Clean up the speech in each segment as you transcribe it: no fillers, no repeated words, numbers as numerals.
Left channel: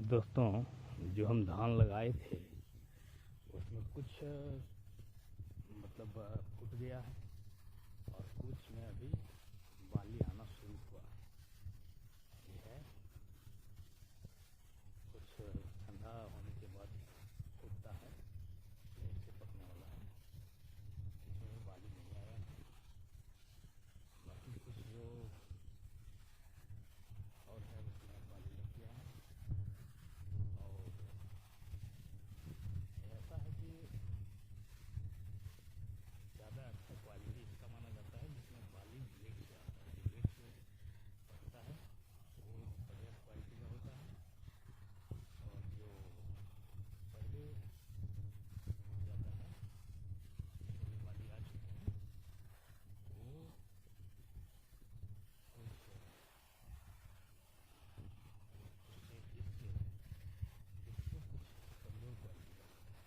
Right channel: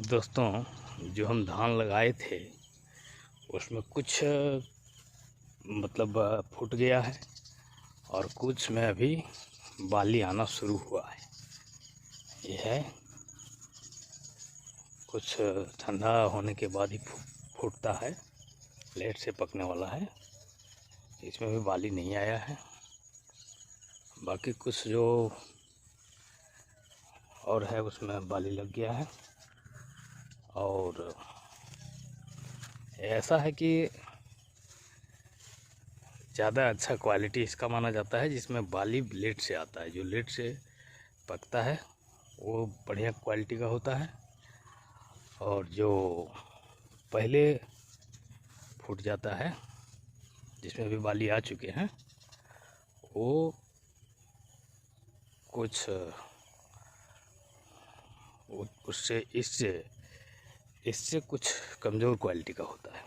दोस्तों, जो हम धान लगाए थे उसमें कुछ फूट गया है और कुछ में अभी बाली आना शुरू हुआ है। ये है कुछ ठंडा होने के बाद ही फूटता है, लेट से पकने वाला है। इसमें भी बाली नहीं आया है। बाकी कुछ जो और है उसमें बाली लग गया है। और ऐसा है कि ज़्यादा अच्छा क्वालिटी इसका माना जाता है जिसमें बाली लेट से आता है। जो लेट से पकता है वो बढ़िया क्वालिटी का होता है, और जो पहले फूट जाता है जिसमें भी बाली आ चुके हैं वो कुछ उससे इससे कुछ कमज़ोर क्वालिटी का होता है।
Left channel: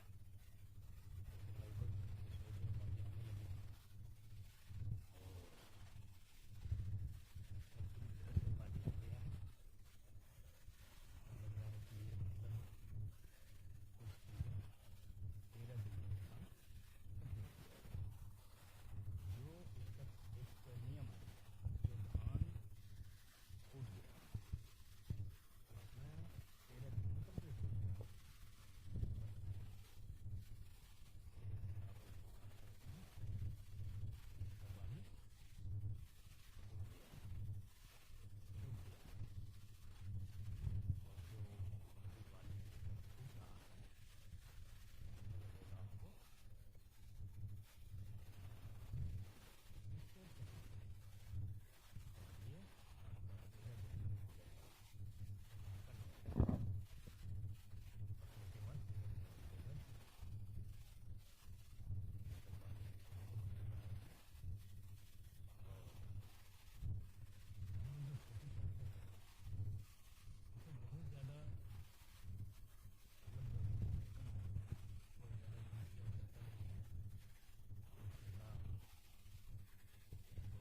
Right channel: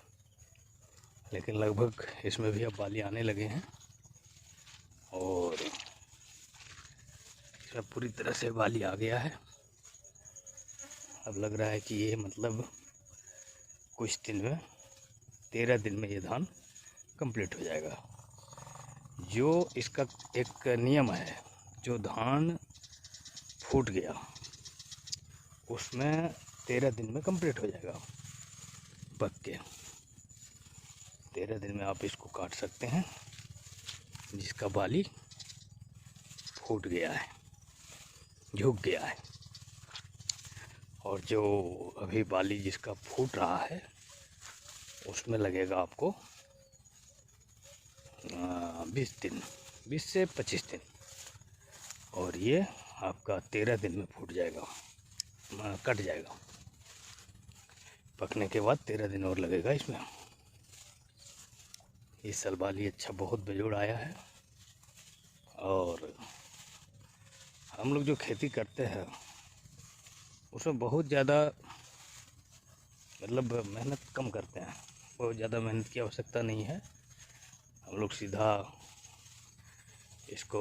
लेकिन लगभग इसमें भी अब बाली आने लगे हैं और इसमें पूरी तरह से बाली आ गया है। अब लग रहा है कि ये कुछ दिन में 13 दिन में ये धान कंप्लीट हो जाएगा। जो इसका एक नियम है, जो धान फूट गया उसमें 13 दिन में कंप्लीट हो जाएगा पक के। 13 दिन में आप इसको काट सकते हैं जिसका बाली फूट गया है, झुक गया है। और जो अभी बाली जिसका फूट रहा है उसमें लगेगा आपको 20 दिन, 20 से 25 दिन, और ये आपका 13 दिन में फूट जाएगा, कट जाएगा। पकने के बाद 13 दिन और लगेगा इसमें। इस साल बाली अच्छा बहुत बेजोड़ आया है। और हम लोग जो खेती करते हैं उसमें बहुत ज़्यादा मेहनत कम करते हैं। बहुत ज़्यादा मेहनत की आवश्यकता नहीं है। हम लोग सीधा इसको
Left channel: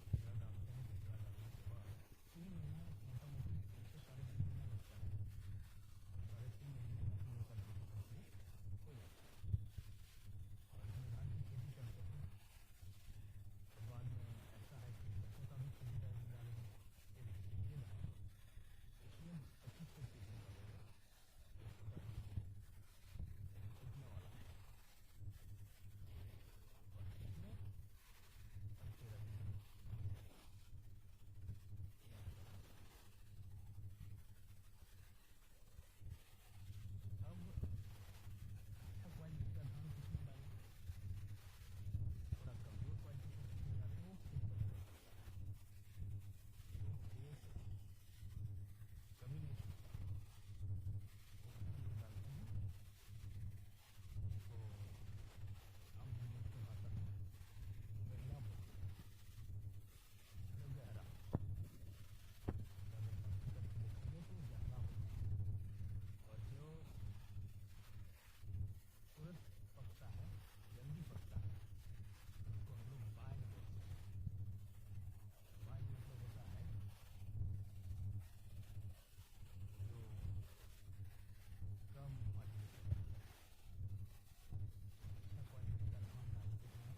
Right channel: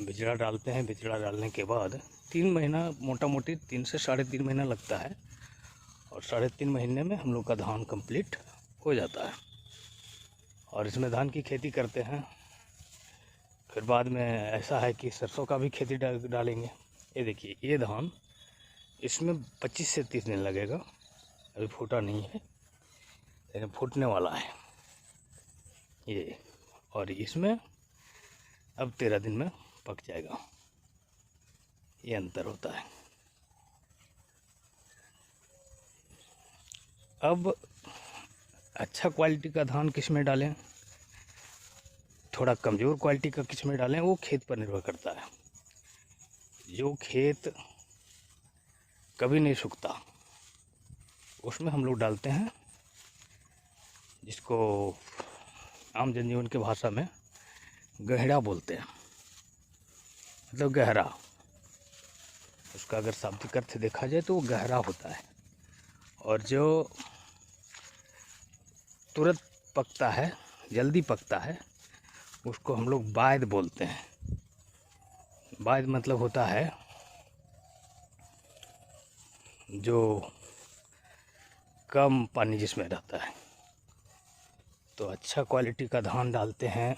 बिचड़ा डालते हैं। बिचड़ा डालने के बाद 3 महीना, मोटा मोटी 3 से 3.5 महीना लगता है, और 3.5 महीने में हम लोग का धान कंप्लीट हो जाता है। और इसमें धान की खेती करते हैं। फिर बाद में ऐसा है कि सरसों का भी खेती डालेंगे। ये देखिए, ये धान इसमें 25 से 30 दिन लगेगा। अभी फूटा नहीं है लेकिन फूटने वाला है ये, और इसमें अब 13 दिन में पक जाएगा। ये अंतर होता है। अब अच्छा क्वालिटी का धान किस में डालें, थोड़ा कमज़ोर क्वालिटी का किस में डालें, वो खेत पर निर्भर करता है। जो खेत कभी नहीं सूखता उसमें हम लोग डालते हैं, जिसको आम जनजीवन की भाषा में गहरा बोलते हैं, मतलब गहरा। उसका अगर शाब्दिक अर्थ देखा जाए तो वो गहरा होता है। और जो तुरंत पकता है, जल्दी पकता है, उसको हम लोग बायद बोलते हैं। बायद मतलब होता है जो कम पानी जिसमें रहता है। तो अच्छा क्वालिटी का धान डालते हैं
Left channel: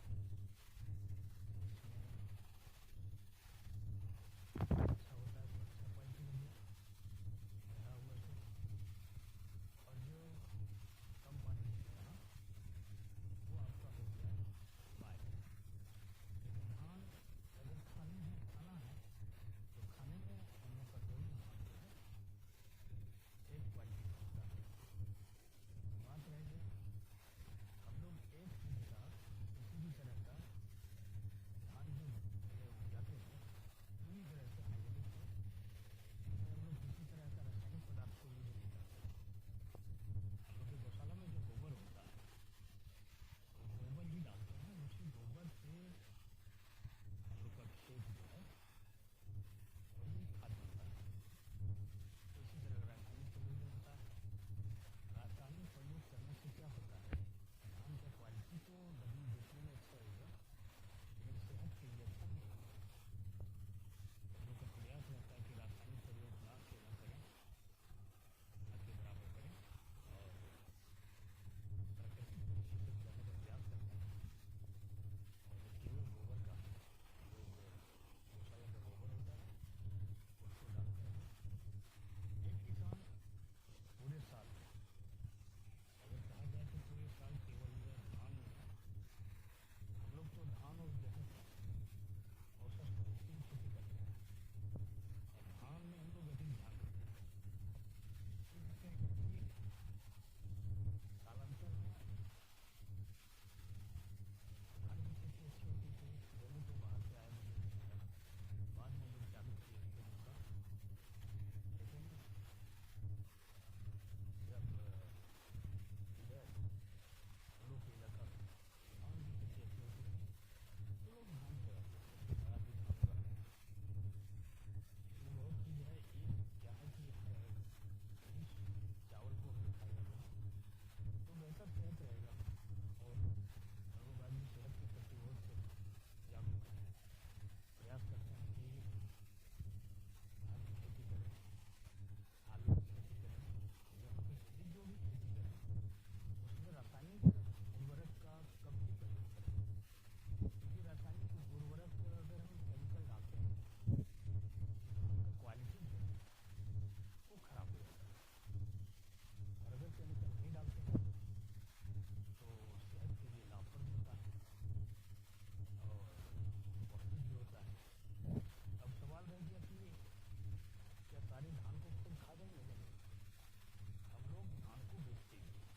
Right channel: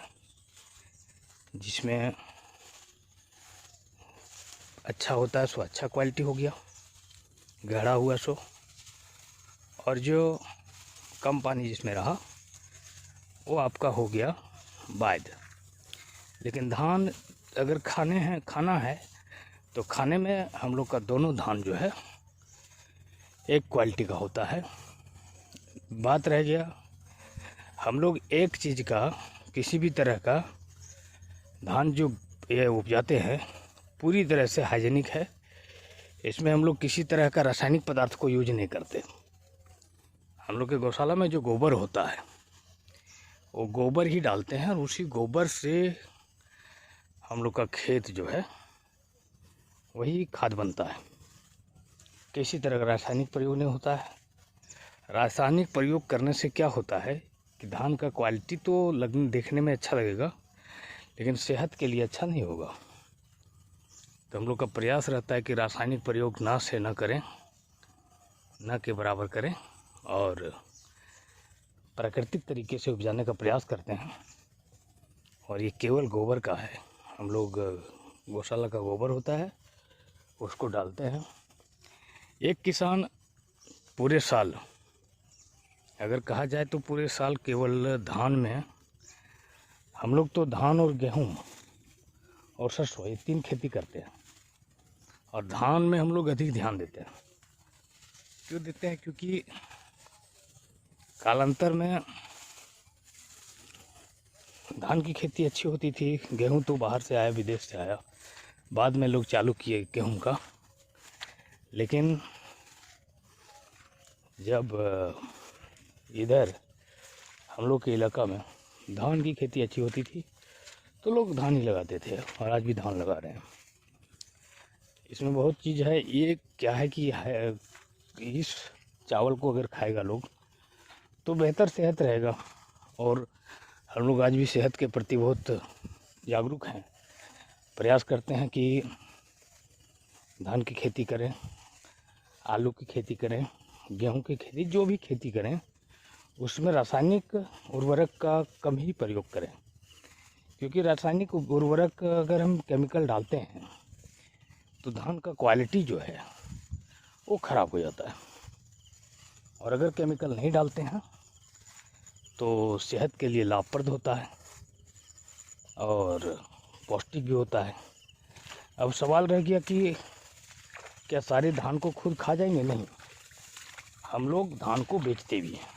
जिसमें अच्छा होता है, सो अच्छा क्वालिटी हो गया, गहरा हुआ सो। और जो कम पानी जिसमें रहा वो आपका हो गया बायद। लेकिन धान अगर खाना है तो खाने में हम लोग का दोनों धान जो है एक क्वालिटी का होता है। बात रह गया, हम लोग एक चीज़ का, किसी भी तरह का धान जो ये उपजाते हैं पूरी तरह से हाइजीनिक है। इसमें हम लोग किसी तरह का रासायनिक पदार्थ को यूज नहीं करते। हम लोग के गौशाला में जो गोबर होता है वो गोबर ही डालते हैं, और उसी गोबर से हम लोग का खेत जो है वही खाद बनता है। किसी तरह का रासायनिक प्रयोग नहीं होता है। रासायनिक प्रयोग करने से क्या होता है कि धान का क्वालिटी तो देखने में अच्छा लगेगा लेकिन सेहत के लिए अच्छा नहीं होगा। तो हम लोग का प्रयास रहता है कि रासायनिक प्रयोग ना करें, न के बराबर करें और प्राकृतिक तरीके से उपजाने का प्रयास करते हैं। और ये केवल गोबर का है, हम लोग गौशाला का गोबर होता है उसको डालते हैं। एक किसान पूरे साल, अगर कहा जाए तो पूरे साल केवल धान में, हम लोग तो धान और गेहूँ और सरसों ये 3 खेती करते हैं और धान में हम लोग अधिक ध्यान देते हैं। क्यों देते हैं? क्योंकि कालांतर में धान की खेती अच्छी होती थी, गेहूं तो बाहर से आया, विदेश से आया, बाद में लोग चालू किए गेहूं का। लेकिन जब इधर हम लोग के इलाका में धान की खेती अच्छी होती थी तो लोग धान ही लगाते थे और आज भी धान लगा रहे हैं। इसमें बहुत चीज़ है। ये क्या है कि इस चावल को अगर खाएगा लोग तो बेहतर सेहत रहेगा। और हम लोग आज भी सेहत के प्रति बहुत जागरूक हैं, प्रयास करते हैं कि धान की खेती करें, आलू की खेती करें, गेहूं की खेती, जो भी खेती करें उसमें रासायनिक उर्वरक का कम ही प्रयोग करें। क्योंकि रासायनिक उर्वरक अगर हम केमिकल डालते हैं तो धान का क्वालिटी जो है वो ख़राब हो जाता है। और अगर केमिकल नहीं डालते हैं तो सेहत के लिए लाभप्रद होता है और पौष्टिक भी होता है। अब सवाल रह गया कि क्या सारे धान को खुद खा जाएंगे? नहीं, हम लोग धान को बेचते भी हैं,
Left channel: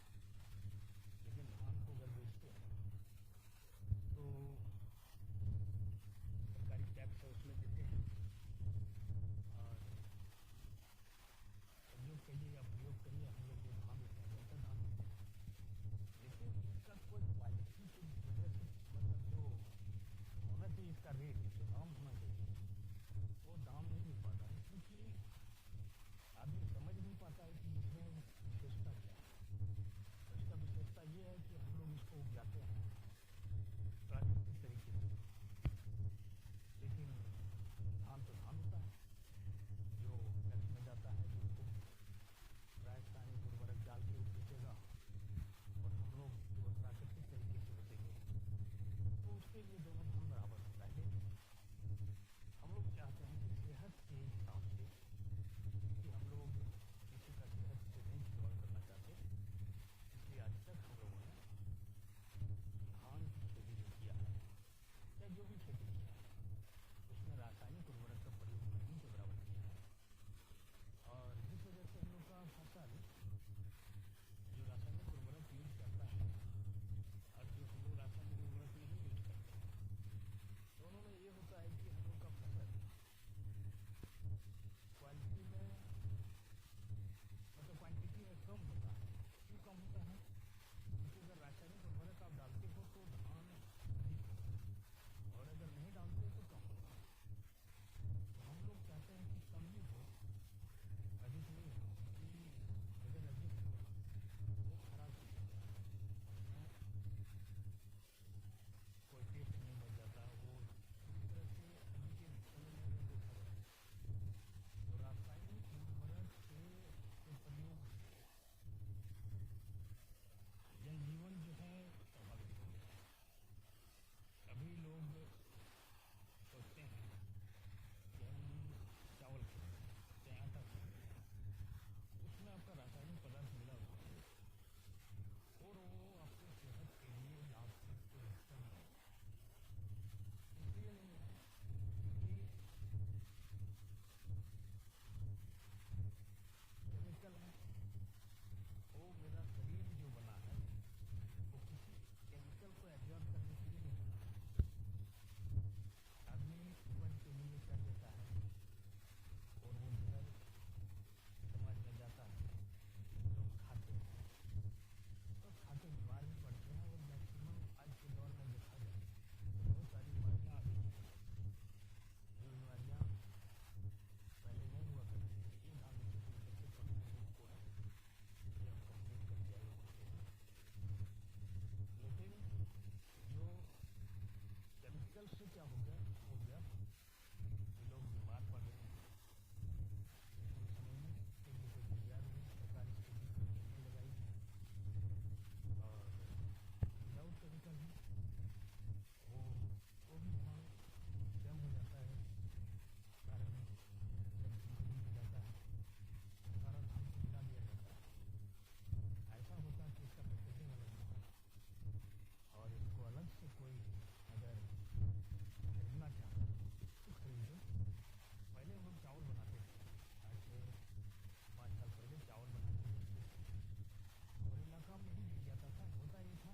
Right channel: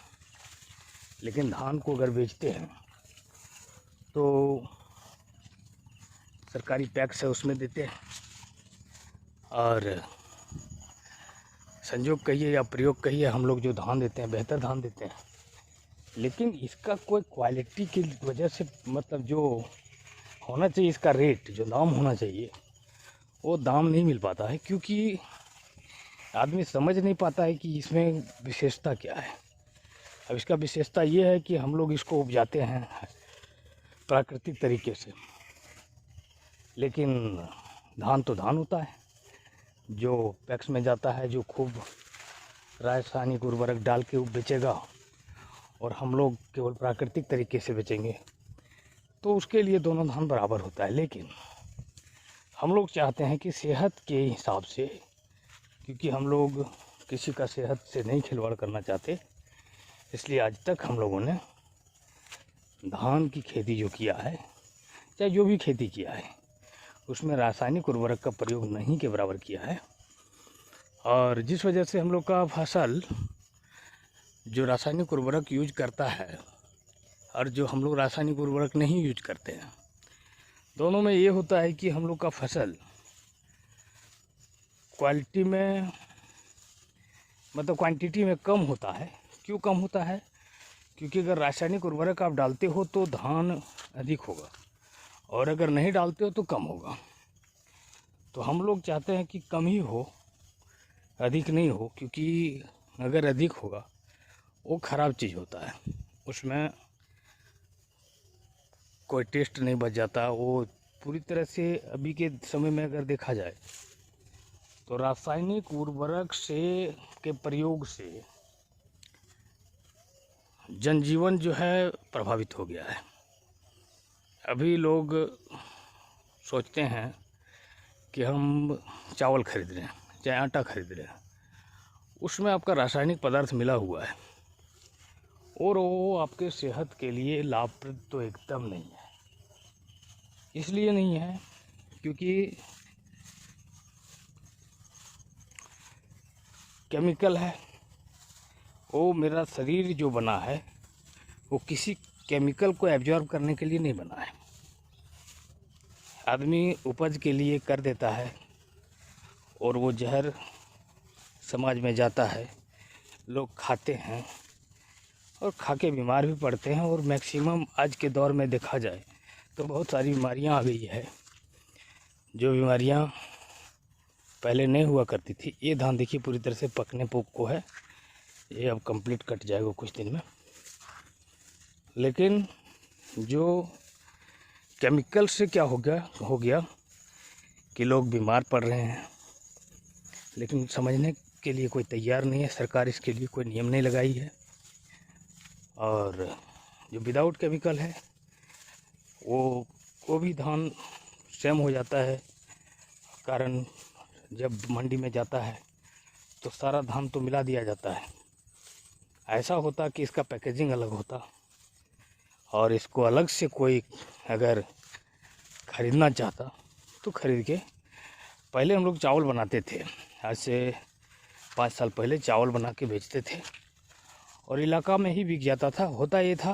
लेकिन धान को अगर बेचते हैं तो सरकारी टैक्स है उसमें देते हैं। और संजोग कहिए या प्रयोग कहिए, हम लोग जो धान देते हैं बेहतर धान देते हैं, लेकिन इसका कोई क्वालिटी की वजह से, मतलब जो होना चाहिए इसका रेट, जो दाम होना चाहिए वो दाम नहीं मिल पाता है। क्योंकि आदमी समझ नहीं पाता है कि इसमें विशेषता क्या है। अब इसका विशेषता ये है कि हम लोग इसको उपजाते हैं प्राकृतिक तरीके से, लेकिन धान तो धान होता है जो पैक्स में जाता है, जो खूब रासायनिक उर्वरक डाल के बेचेगा, और हम लोग केवल प्राकृतिक तरीके से बेचेंगे तो उसके लिए दोनों धान बराबर होता है। लेकिन हम लोग चाहते हैं कि सेहत के हिसाब से, क्योंकि हम लोग किसी का सेहत से नहीं खिलवाड़ करना चाहते, इसलिए आज तक हम लोगों ने धान की खेती जो किया है, चाहे जो भी खेती किया है, उसमें रासायनिक उर्वरक का प्रयोग नहीं के बराबर किया है। और जिस वजह से हम लोग का फसल जो रासायनिक उर्वरक यूज करता है और जो हम लोग रासायनिक उर्वरक नहीं यूज करते हैं, दोनों में ये होता है कि हम लोग का फसल क्वालिटी में, मतलब क्वांटिटी में कम होता है। क्यों कम होता है? क्योंकि अगर रासायनिक उर्वरक आप डालते हो तो धान अधिक होगा, और अगर नहीं डालते हो तो कम होगा। तो हम लोग चाहते हैं कि कम ही हो, अधिक नहीं हो। क्योंकि अगर अधिक होगा वो ख़राब चीज़ होता है, उसमें कोई टेस्ट नहीं बच जाता। वो पूरी तरह से अभी के समय में अगर देखा जाए तो रासायनिक उर्वरक से के प्रयोग से जनजीवन जो है प्रभावित हो गया है। अभी लोग सोचते हैं कि हम चावल खरीद रहे हैं, चाहे आटा खरीद रहे हैं, उसमें आपका रासायनिक पदार्थ मिला हुआ है और वो आपके सेहत के लिए लाभप्रद तो एकदम नहीं है। इसलिए नहीं है क्योंकि केमिकल है। वो मेरा शरीर जो बना है वो किसी केमिकल को एब्जॉर्ब करने के लिए नहीं बना है। आदमी उपज के लिए कर देता है और वो जहर समाज में जाता है, लोग खाते हैं और खा के बीमार भी पड़ते हैं। और मैक्सिमम आज के दौर में देखा जाए तो बहुत सारी बीमारियां आ गई है, जो बीमारियां पहले नहीं हुआ करती थी। ये धान देखिए पूरी तरह से पकने को है, ये अब कंप्लीट कट जाएगा कुछ दिन में। लेकिन जो केमिकल से क्या हो गया कि लोग बीमार पड़ रहे हैं, लेकिन समझने इसके लिए कोई तैयार नहीं है, सरकार इसके लिए कोई नियम नहीं लगाई है। और जो विदाउट केमिकल है वो भी धान सेम हो जाता है। कारण जब मंडी में जाता है तो सारा धान तो मिला दिया जाता है। ऐसा होता कि इसका पैकेजिंग अलग होता और इसको अलग से कोई अगर ख़रीदना चाहता तो ख़रीद के। पहले हम लोग चावल बनाते थे, आज से 5 साल पहले चावल बना के बेचते थे और इलाका में ही बिक जाता था। होता ये था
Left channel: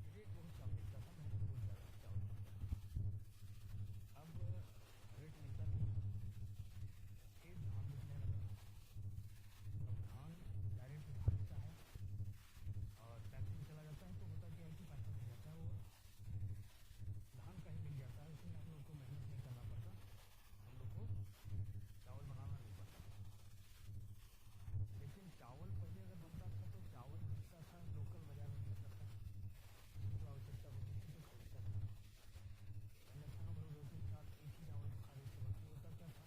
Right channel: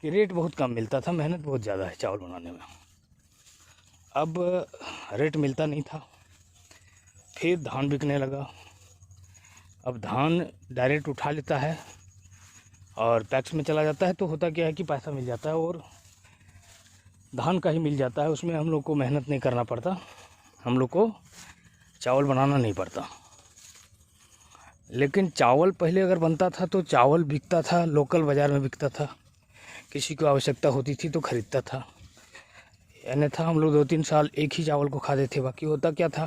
कि रेट बहुत कम मिलता था, मेहनत बहुत ज़्यादा है चावल बनाने में। अब रेट मिलता नहीं था, फिर धान बिकने लगा। अब धान डायरेक्ट उठा लेता है और पैक्स में चला जाता है, तो होता क्या है कि पैसा मिल जाता है और धान का ही मिल जाता है। उसमें हम लोग को मेहनत नहीं करना पड़ता, हम लोग को चावल बनाना नहीं पड़ता। लेकिन चावल पहले अगर बनता था तो चावल बिकता था, लोकल बाज़ार में बिकता था, किसी को आवश्यकता होती थी तो ख़रीदता था। अन्यथा हम लोग 2-3 साल एक ही चावल को खाते थे। बाकी होता क्या था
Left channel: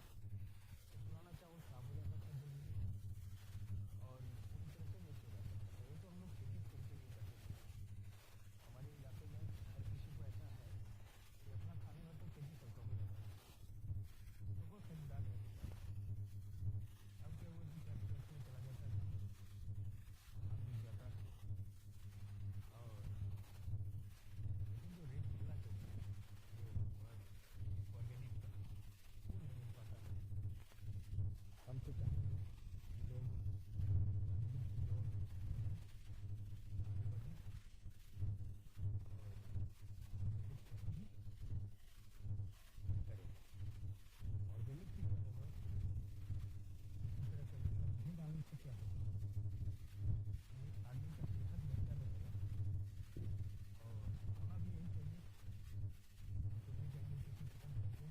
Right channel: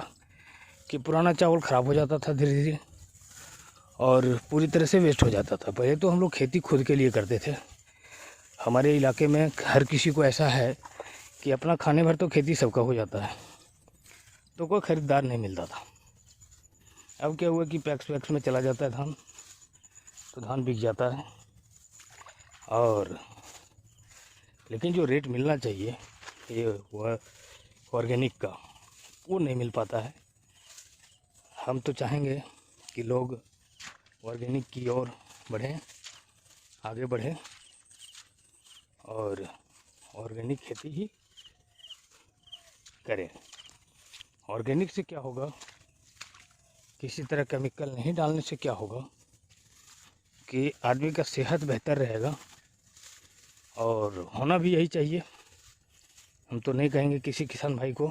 कि पुराना चावल ख़राब हो जाता था धीरे धीरे और पूरी तरह से वेस्ट हो जाता था। पहले तो हम लोग खेती खुद के लिए करते थे। हमारे इलाके में हर किसी को ऐसा है कि अपना खाने भर तो खेती सबका हो जाता है, तो कोई ख़रीदार नहीं मिलता था। अब क्या हुआ कि पैक्स वैक्स में चला जाता है धान, तो धान बिक जाता है। और लेकिन जो रेट मिलना चाहिए ये ऑर्गेनिक का, वो नहीं मिल पाता है। हम तो चाहेंगे कि लोग ऑर्गेनिक की ओर बढ़ें, आगे बढ़ें और ऑर्गेनिक खेती ही करें। ऑर्गेनिक से क्या होगा, किसी तरह केमिकल नहीं डालने से क्या होगा कि आदमी का सेहत बेहतर रहेगा और होना भी यही चाहिए। हम तो नहीं कहेंगे किसी किसान भाई को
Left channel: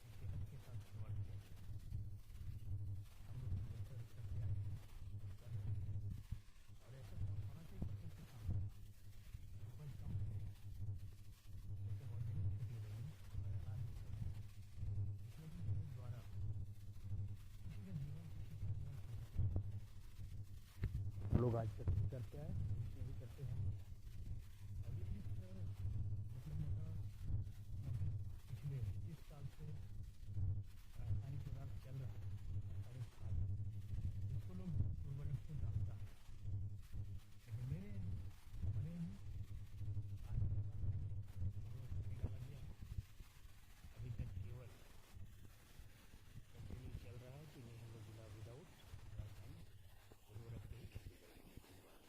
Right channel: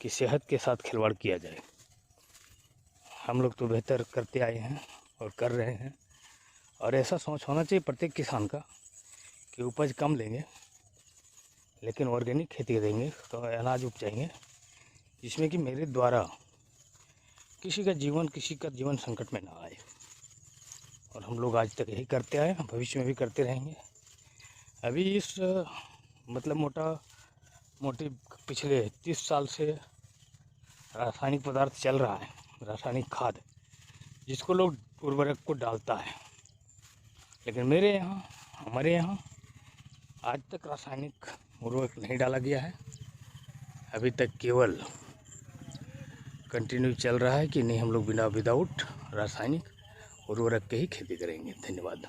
कि सेहत के साथ खिलवाड़ किया जाए। हम लोग तो बेहतर करते आए हैं और कर रहे हैं। और ऐसा सोच होना चाहिए प्रत्येक किसान का कि उपज कम लेंगे लेकिन ऑर्गेनिक खेती देंगे तो अनाज उपजाएंगे, जिसमें कि मेरे द्वारा किसी का जीवन संकट में ना आए। और हम लोग आज तक यही करते आए, भविष्य में भी करते रहेंगे। अभी इस मोटे पिछले 30 साल से रासायनिक पदार्थ चल रहा है, रासायनिक खाद, जिसको लोग उर्वरक को डालता है। लेकिन हमारे यहाँ आज तक रासायनिक उर्वरक नहीं डाला गया है। अभी तक केवल कंटिन्यू चल रहा है कि नहीं, हम लोग विदाउट रासायनिक उर्वरक के ही खेती करेंगे। धन्यवाद।